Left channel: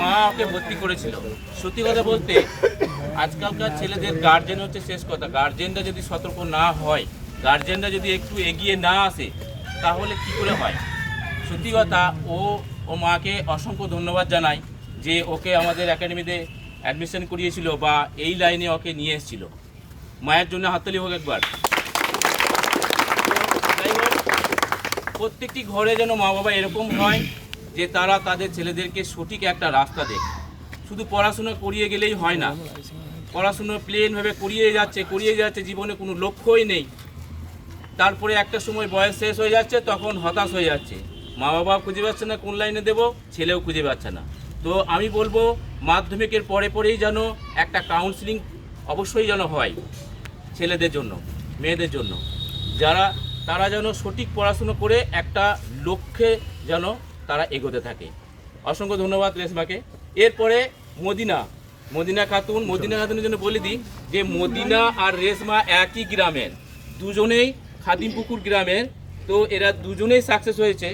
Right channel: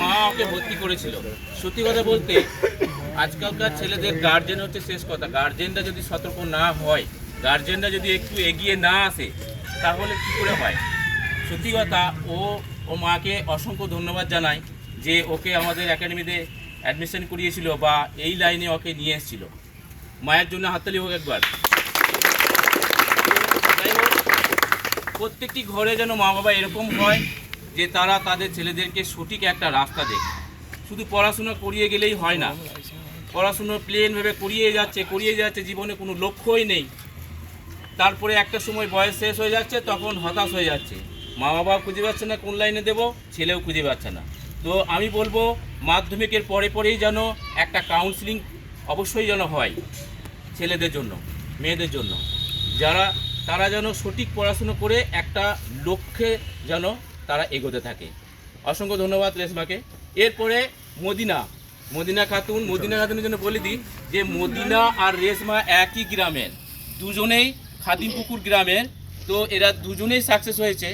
মা ওকে ভর্তি করেছিল। সত্যি কথা বলতে আজকালকার ছেলেদের গার্জেন হচ্ছে শেষ কথা। গার্জেনরা যদি সতর্ক না হয়, গার্জেনরা যদি একটু এগিয়ে না আসে, তাহলে কী করে হয়? সত্যি কথা, ও মাকে অসংখ্য ধন্যবাদ জানাই যে ওকে আমাদের একাডেমিতে অ্যাডমিশন করিয়েছিল বা এই লাইনে ওকে নিয়ে এসেছিল। মায়ের জন্য হাততালি হোক একবার। যাই হোক, প্রত্যেকটি ঘরে যেন মা বাবা এরকম হয় যে তারা তাদের ছেলেদেরকে সঠিক একটা রাস্তা দেয়। শুধু পড়াশোনা করিয়ে গেলেই হয় না, পড়াশুনো প্লেনভাবে করিয়ে যাচ্ছে, জীবনে কোনো লক্ষ্যই নেই। তারপরে একটা সময় বয়স শেষ হয়ে যাচ্ছে, তখন হতাশ হয়ে যাচ্ছে, মা বাবা খুঁজে পাচ্ছে না কোন লাইনে দেব, ছেলেও খুঁজে পাচ্ছে না। তো আমি বলবো মাধ্যমিকের পরেই যেন একটা কাউন্সিলিং অবশ্যই যেন হয় ছেলেদের জন্য, মেয়েদের জন্য, তারা যেন সঠিক পড়াশুনো করে একটা লক্ষ্যে যেন তারা এগোতে থাকে। অসংখ্য ধন্যবাদ রেশমাকে। এরপরে মদিনা খাতুনের জন্য বলে দিই যে মদিনা আর রেশমা একই গ্রামের, দুজনেই খাদিমপুকুর গ্রামের। তো এরা দুজনেই সাকসেস হয়েছে।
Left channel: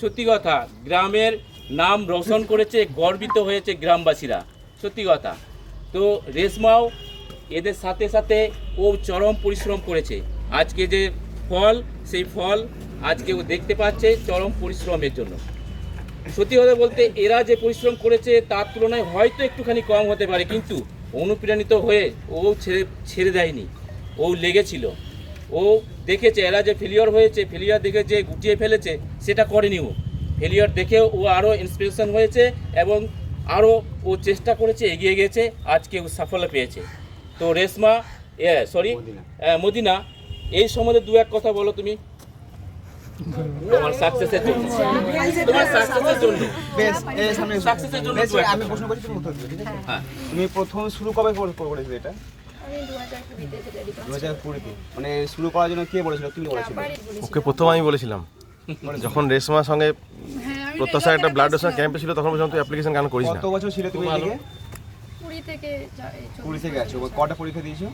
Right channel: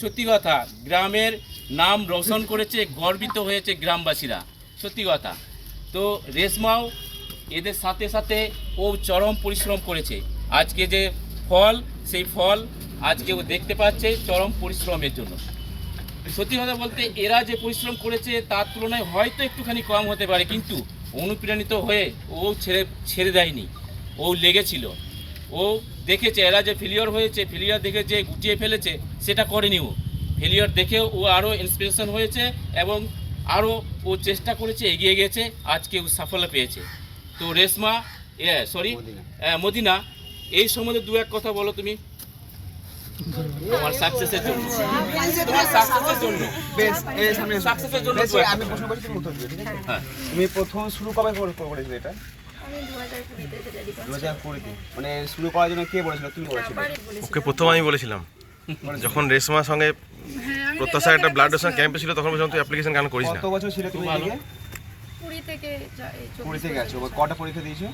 সত্যি কথা, গ্রামের নাম রোশন করেছে, গর্বিত হয়েছে গ্রামবাসীরা। সত্যি কথা। তো রেশমাও এদের সাথে সাথে ও চরম পরিশ্রম করেছে। আজকে যে ফল, সেই ফল আজকে ও দেখতে পাচ্ছে চরম পরিশ্রমের জন্য। সত্যি কথা বলতে এরা যে পরিশ্রম করেছে তার তুলনায় হয়তো একটুখানি কম হতে পারে, কিন্তু অনুপ্রাণিত হয়ে ও ছেড়ে দেয়নি, ও লেগেছিল। ও দেখেছে এরা যে ফেলিওর হয়েছে, ফেলিওর দেখে যে গুটিয়ে ফেলেছে সেটা করেনি। ও ফেলিওর দেখেও ও আরও ইন্সপিরেশন হয়েছে এবং আরও ও চেষ্টা করেছে, এগিয়ে গেছে, আজকে ও সাফল্য পেয়েছে। তো রেশমা মদিনা, এই সম্বন্ধে দু এক কথা বলো তুমি তোমার সাকসেসের জন্য। আমি প্রশ্ন করছি, তুমি উত্তর দিবে, ঠিক আছে? হ্যাঁ। তুমি প্রথম শুরু কবে করেছিলে এটা? আমি 2020 তে রেডি করছি। 2020 মানে শুরু করার জন্য কে বলেছিল? তুমি বলেছিলে? ওকে প্রথম আমি বলেছিলাম, যখন রেশমার সঙ্গে প্রত্যাশার একটা ব্লাড ডোনেশন ক্যাম্পে ছিল, তখন বলছিলাম তুই অ্যাপ্লিকেশন কেন করিস না। কত বছর ছিল তুমি এদিকে? 20 থেকে 20 থেকে আছো। কটা পরীক্ষা দিয়েছো?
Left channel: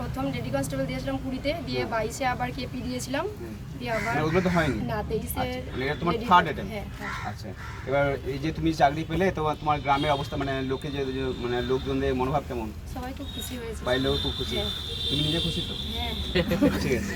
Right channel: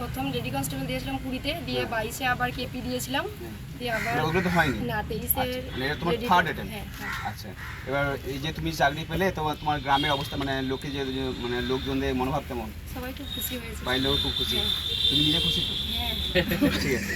প্রথম লেডি কনস্টেবল দিয়েছিলাম 20 তে, দিয়ে 22 এ আবার কেপি দিয়েছিলাম, দিয়ে আবার ওগুলো তো হয়নি না 23 এর এটা তোমার থার্ড অ্যাটেম্প। আচ্ছা, এবার এই যে তুমি চাকরি পেলে, তোমার গ্রামের অবস্থা মানে লোকে যে মানে লোকজনদের মনোভাব কেমন? সবাই খুব খুশি হয়েছে। বাইরের লোক খুব খুশি, তুমি নিজে খুশি তো? হ্যাঁ। ঠিক আছে।